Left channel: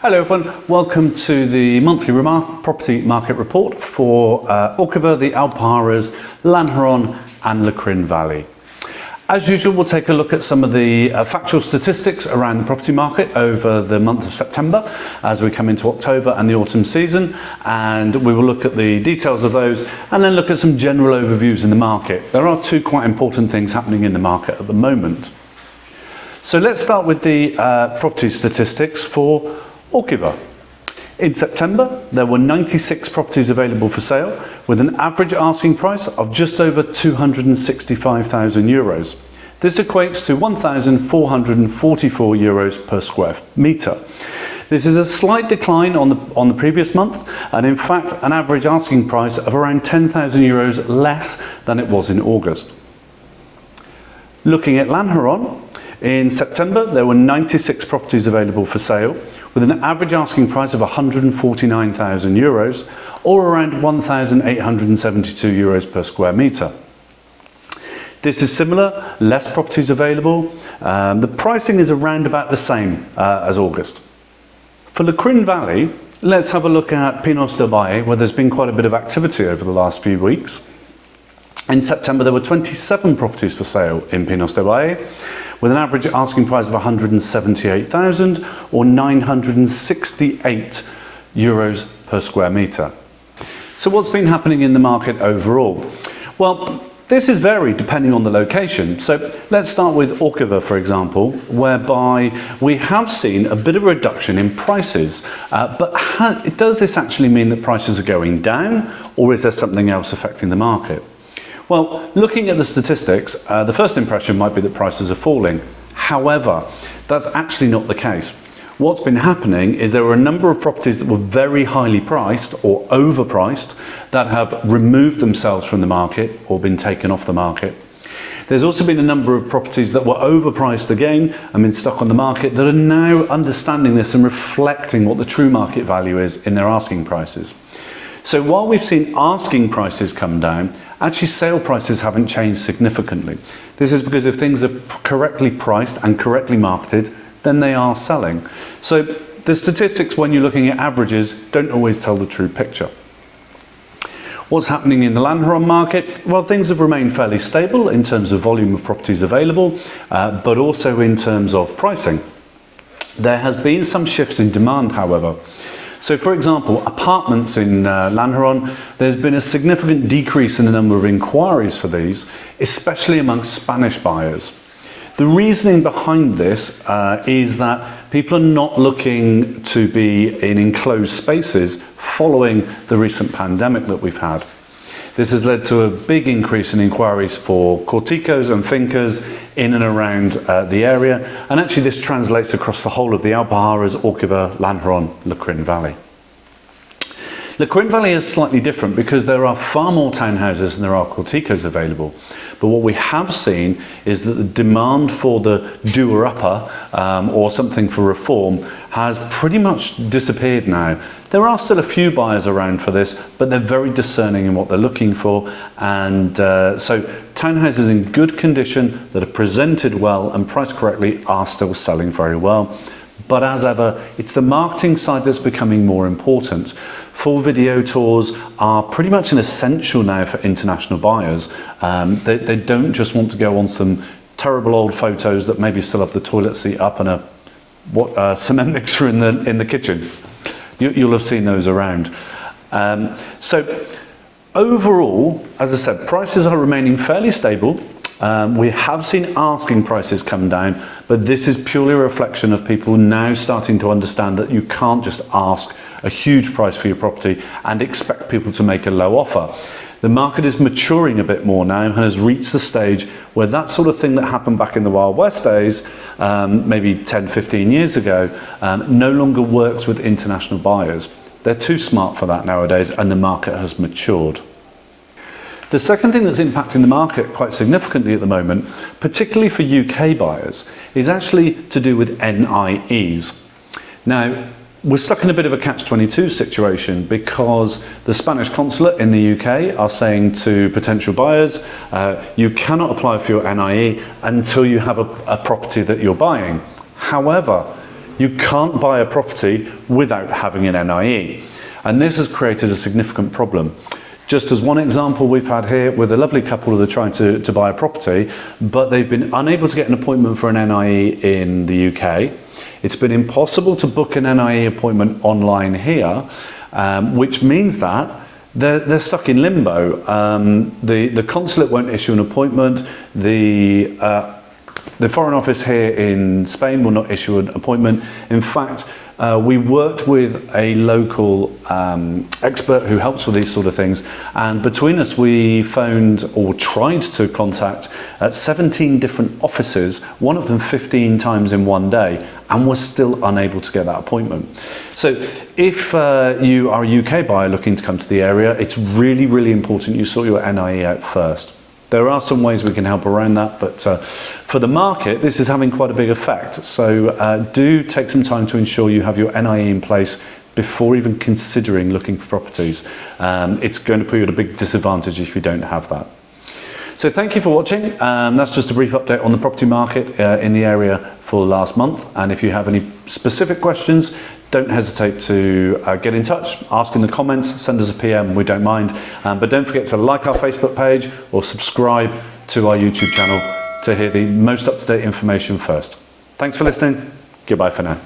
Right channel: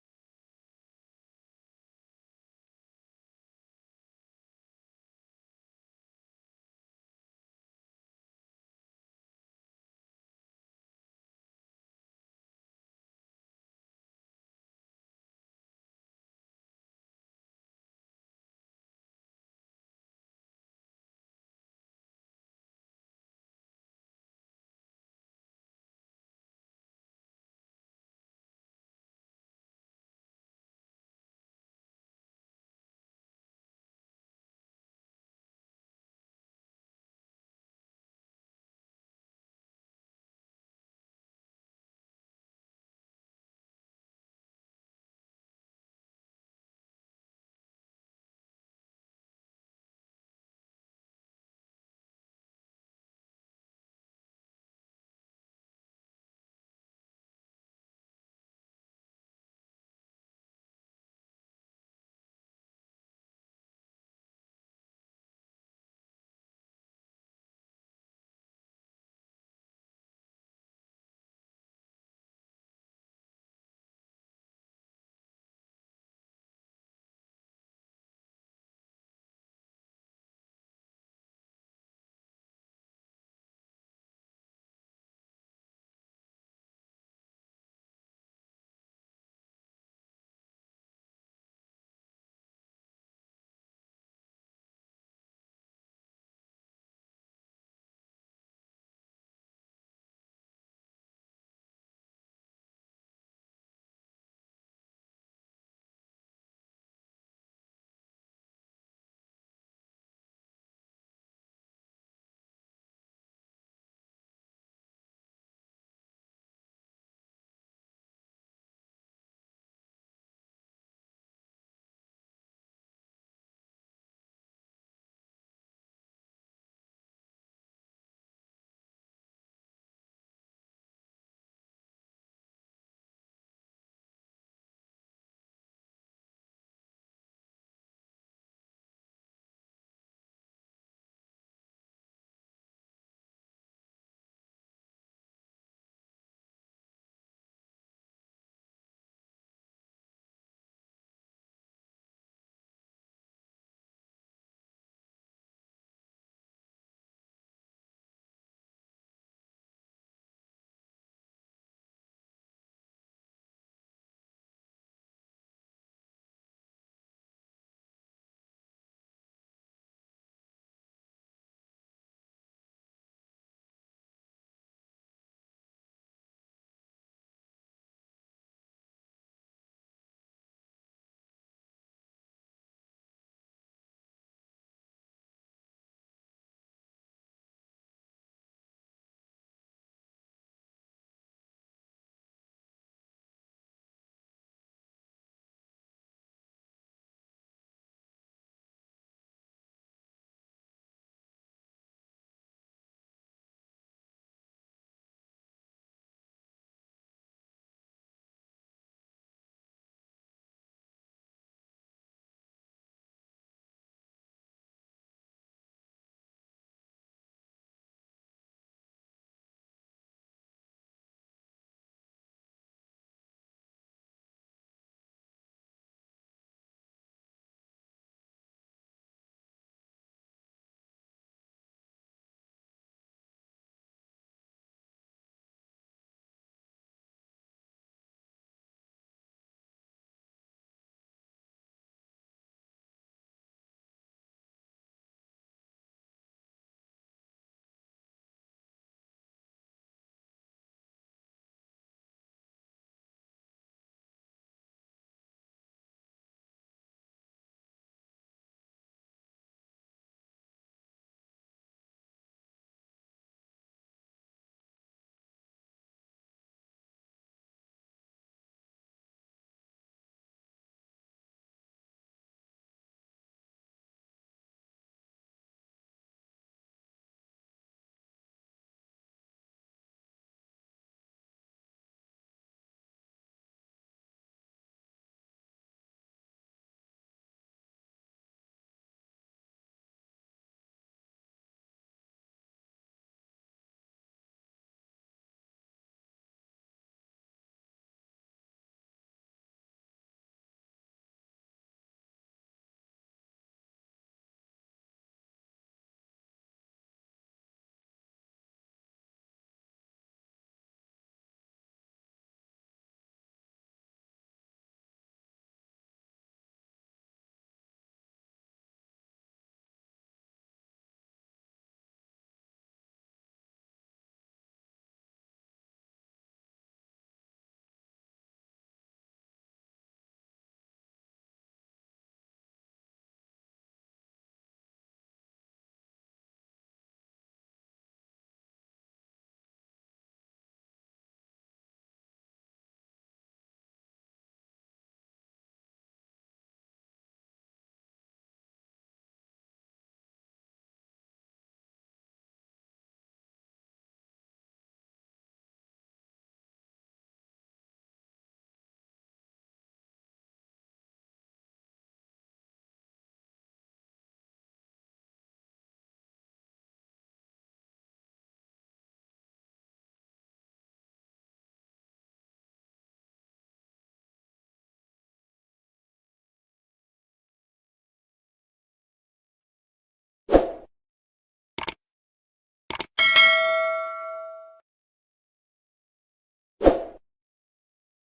Hello everyone, welcome to the monthly property market report for Orgiva, the Alpujarras, Lanjaron and Lecrin Valley. As usual, we'll take a look at some of the factual statistics around the property market over the month of September as we come into October and the autumn season, and we will look at the details of those and then look at some general overviews in the market. There are two quite important things happening in the market at the moment. So let's start with the property statistics for Orgiva. In September, there were 96 properties available for sale with an average asking price of just over €265,000. This equates to €1,444 per square metre. This is a slight decline on the previous month, and in fact an average asking price of around €10,000 less than it was in August. Looking at Lanjaron, in September there were 96 properties available for sale with an average asking price of €149,000 or around €1,872 per square metre. This is similar, less properties available. The pricing is around about the same as August. For Lecrin Valley, let's have a look at Pinos del Valle, where there's been quite a bit of activity over the last few weeks. In September there were 27 properties for sale in Pinos del Valle, with an average asking price of €178,000 or €968 per square metre. So what's been happening in the market overall? Well, this is varied depending on the location. So let's start with Orgiva, for example, whereby we have seen a bit of a reduction in prices. But does this actually mean that prices are going down, or is there something else affecting the market? Well, looking at the statistics, the first impression might be that prices are falling. However, that's actually not the case. What's been happening is there were a number of properties that were very highly priced or overpriced that have removed themselves from the market or been taken off the market. There's also been a number of properties that were overpriced again and been stuck on the market that are now understanding this and reflecting what the true market value is in their asking prices. So while we've seen asking prices come down, actually sale prices haven't changed significantly. This is because if things are correctly priced and correctly marketed, then they are selling. So the statistics, when you're looking at averages, don't always tell the true picture. What's happening in the Lanjaron market? Well, things have remained fairly stable in terms of volume of properties available, but also in terms of pricing. There has been some shifts in demand, however. So for example, apartments in Lanjaron, there's been a significant decrease in the number of inquiries for these, especially amongst Spanish buyers. The reasoning behind this is that people are not looking to be in enclosed spaces following the recent pandemic that we've had. This has led to a big increase in inquiries for corticos and fincas in and around the area, and actually this translates across the whole of the Alpujarras, Orgiva, Lanjaron, Lecrin Valley. Lecrin Valley is slightly different because there are far more townhouses than there are corticos available. But what we have seen is that the demand for the doer-upper or something for reform has pretty much disappeared now. There are still a few buyers around for this, but they're very discerning in what they're looking for. And so townhouses in good condition that are presented well and priced correctly are still selling very well. But as ever, it's the marketing side that's becoming more important. Full video tours are pretty much an essential now for international buyers. They don't just want to go on some terrible old photos that maybe still have the toilet seat up and a cement mixer in the kitchen. You'll have seen those around. So overall, as I said, prices are remaining fairly stable. We have seen asking prices come down, but this is purely a reflection of people now starting to understand that you can't just ask a huge price for your property and expect people to make a low offer. The market is maturing a bit more now and has reached the stage where that sort of thing that happened back in the Wild West days, maybe 10, 15 years ago, no longer works with international buyers. They're too smart for that nowadays, and the market has matured. The second thing that's impacting the market quite significantly at the moment, particularly for UK buyers, is actually to do with NIEs. Now, we're stuck in a bit of a catch-22 situation because the Spanish consulate in the UK are saying to potential buyers, you cannot apply for your NIE until you have a property that you're buying. However, you can't buy a property without having an NIE. And this has created a significant problem. Just as one example we've had here with a lovely couple that are trying to buy a property, but they've been unable to get an appointment for an NIE in the UK. It's been impossible to book an NIE appointment online here, which means that they're stuck in limbo. The consulate won't issue an appointment. The Foreign Office here in Spain will not issue an appointment. In fact, we worked with a local expert who helps with these sort of things, and between us we phoned or tried to contact 17 different offices, one of them 15 times in one day, and we're still unable to get that appointment. So if you are a UK buyer looking to come to the area, it's really, really important you sort your NIE out first. There are some ways we can help around that, but for the market, this is having quite a big effect. So do take some time to ensure you have your NIE in place before even considering looking for properties. It's going to put you at a big disadvantage if you don't have that. So thank you for watching. That's just a brief update on the property market in the area for last month. And if you have any specific questions, don't hesitate to get in touch, ask in the comments, send us a PM, we don't mind. But don't forget to like our Facebook page or subscribe to our YouTube channel to hear the most up-to-date information first. Thanks for listening. Goodbye for now.